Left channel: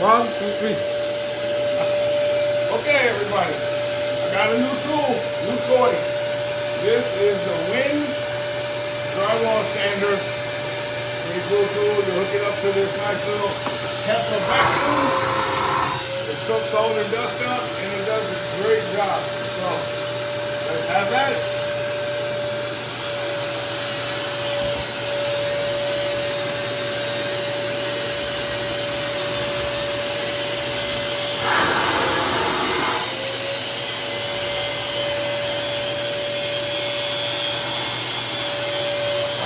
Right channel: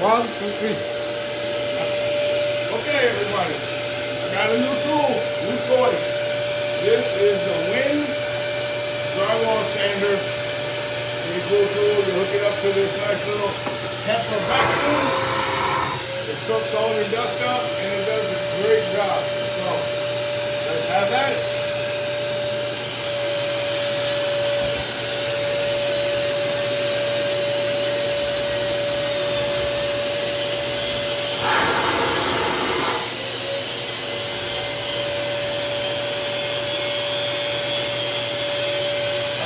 1, 2, 3. Okay, everybody. I got a new tool, new toy. This is the Wind drywall sander. Pretty cool tool. You hook it up to this nice little Tesla vacuum. It soaks all the dust up and it does a great job. So let's have at it.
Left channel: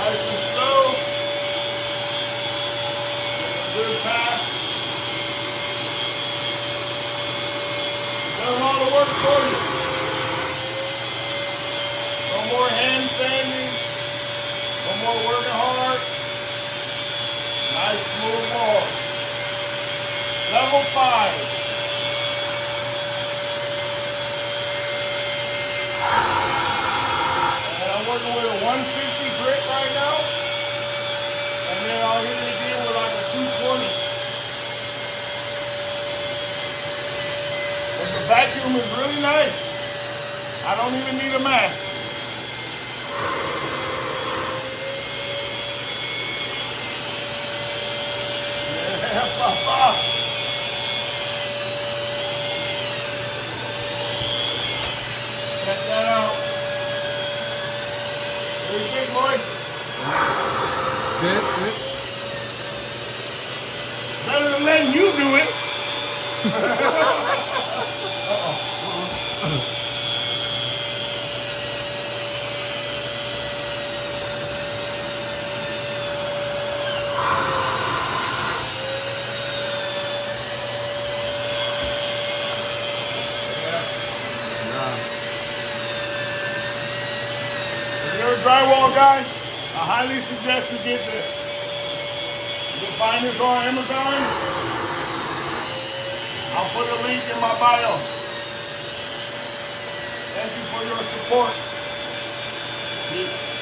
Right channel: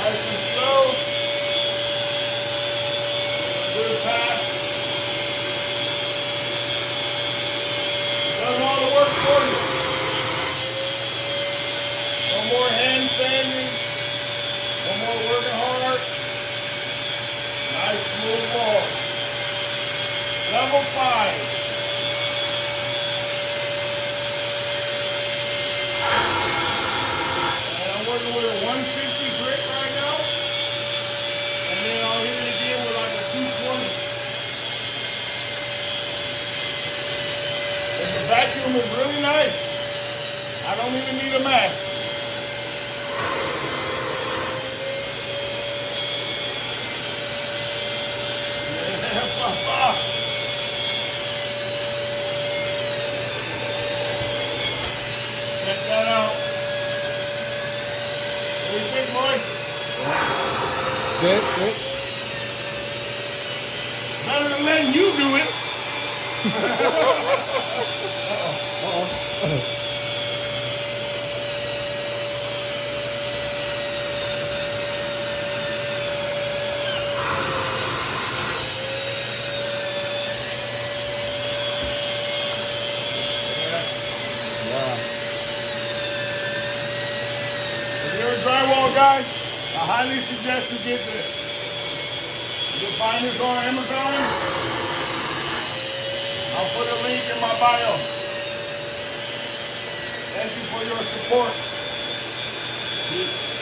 Nice and slow. Good pass. Does all the work for you. No more hand sanding. No more working hard. Nice smooth wall. Level 5. And I'm working with a 150 grit right now. And then I'll hit it again with like a 220. But the vacuum is really nice. I don't even need a mask. Yeah, papa. Check that out. What do you think, boy? Good, good. Better than letting you do it. If you're a drywall guy, I highly suggest you get this. You can find this on Amazon. I'll put a link in my bio. Thank you for your support. Peace.